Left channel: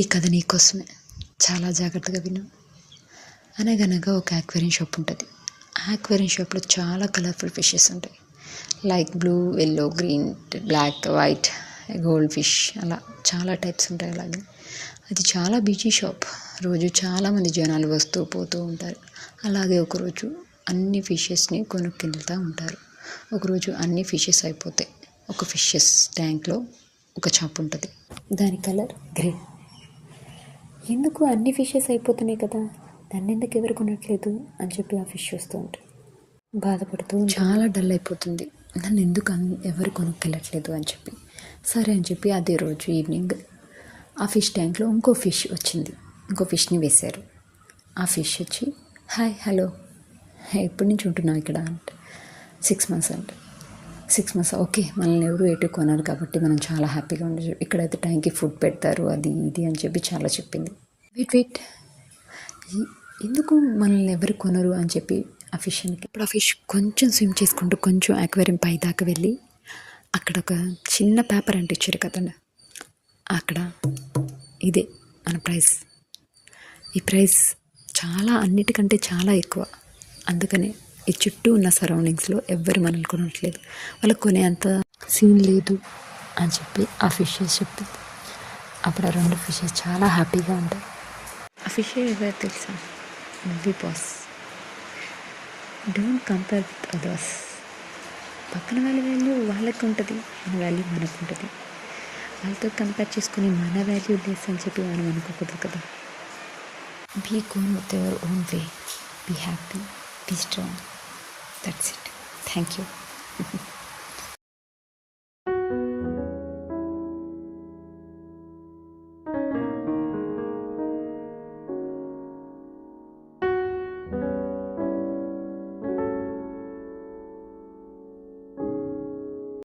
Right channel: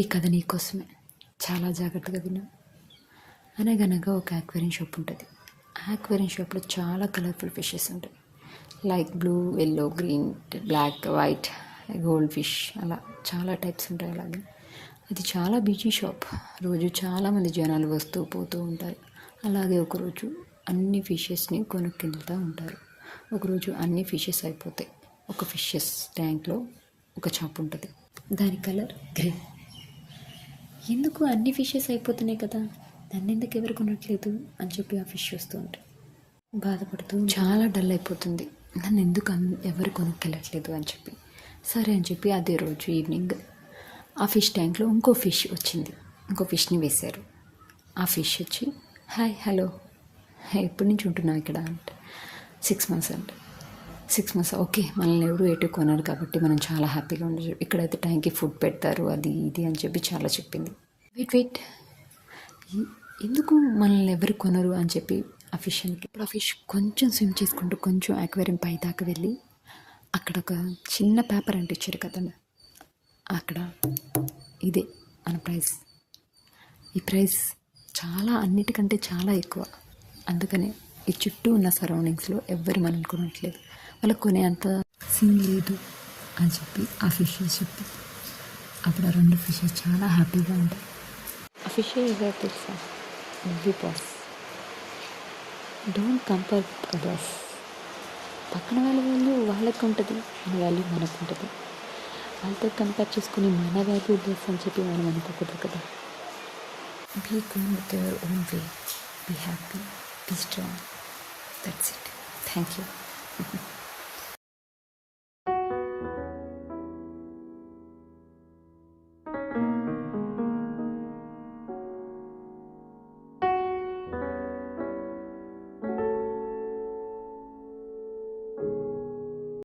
ఈ కథ నీకోసమే, చాలా జాగ్రత్తగా విను. అనగనగా ఒక ఆక్వేరియం షాప్ ఉంటుంది. ఆక్వేరియం షాప్లో చాలా కలర్ఫుల్ ఫిషెస్ ఉంటాయి. Like blue, yellow, green, black, white, gold fish, అలా చాలా టైప్స్ ఉంటాయి. అలాగే అది చాలా బిజీ షాప్. రోజు చాలామంది జనాలు వస్తూ పోతూ ఉంటారు. అలాగే ఒకరోజు అన్ని ఫిషెస్ని కొనుక్కెళ్తూ ఉంటారు. ఒకరోజు అన్ని ఫిషెస్ అయిపోతాయి. ఒక ఫిషెస్ ట్యాంక్లో ఒక చాప ఉంటుంది. దాని కలర్ గ్రే. ఎందుకు అన్ని ఫిషెస్ అయిపోతున్నాయి కదా, దాన్ని ఎందుకు ఎవరు కొనట్లేదు అని చెప్పి ఆ ఫిష్ చూస్తూ ఉంటాయి. బాధపడుతూ చాలా డల్ అయిపోతుంది. నన్ను ఎందుకు ఎవరు కొనుక్కెళ్ళట్లేదు అని చెప్పి. సరే అని చెప్పి అదే రోజు ఈవినింగ్ ఆ ఫిష్ ట్యాంక్లో ఇంకో ఫిష్ వచ్చింది. ఇంకో ఫిష్ని వేశారు. ఆ ఫిష్ వచ్చి హాయ్, హలో, ఎప్పటి నుంచి ఉంటున్నావు ఇక్కడ అంటే 6 months అంటే 6 months. ఓకే, మనల్ని ఎవరు ఎటు కొనరు కాబట్టి మనం చాలా హ్యాపీగా ఉండొచ్చు. ఇక్కడైతే టైంకి ఫుడ్ పెడతారు, అది ఇది అని చెప్పి చాలా చెప్పింది. వెయిట్, ఎందుకు మనల్ని ఎవరు కొనరు అని చెప్పి ఆ ఫిష్ అని. ఇప్పుడు ఆ ఫిష్ కొంచెం స్విమ్ చేసుకుంటూ కొంచెం అక్వేరియం పై దాకా వెళ్ళి అక్కడ ఒక చిన్న పేపర్ అంటించారు కదండి. అక్కడ ఇదే మన ప్రైస్. ఈ ప్రైస్ చాలా అన్నిటికంటే చాలా ఎక్కువ. అందుకనే ఈ చుట్టూ ఉన్న సరౌండింగ్స్లో ఎవ్వరు మనల్ని కొనట్లేదు, వాళ్ళకి కొనే అంత సీన్ లేదు అని చెప్పి ఆ ఫిషెస్ చెప్పింది. అప్పుడు ఆ 2 ఫిషెస్ చాలా హ్యాపీగా ఉంటాయి. ఆ ఫిష్ ఎవరు తెలుసా? నువ్వు boss. Don't compare with others. పక్కన వాళ్ళ వాల్యూ వాళ్ళకి ఉంటుంది, మన వాల్యూ మనకు ఉంటుంది. వాళ్ళతో కంపేర్ చేసుకుని మన వాల్యూ లెస్ అని చెప్పి మనం అనుకోకూడదు కదా. Be gone with your own way. Be happy, be strong. That's it. Thank you.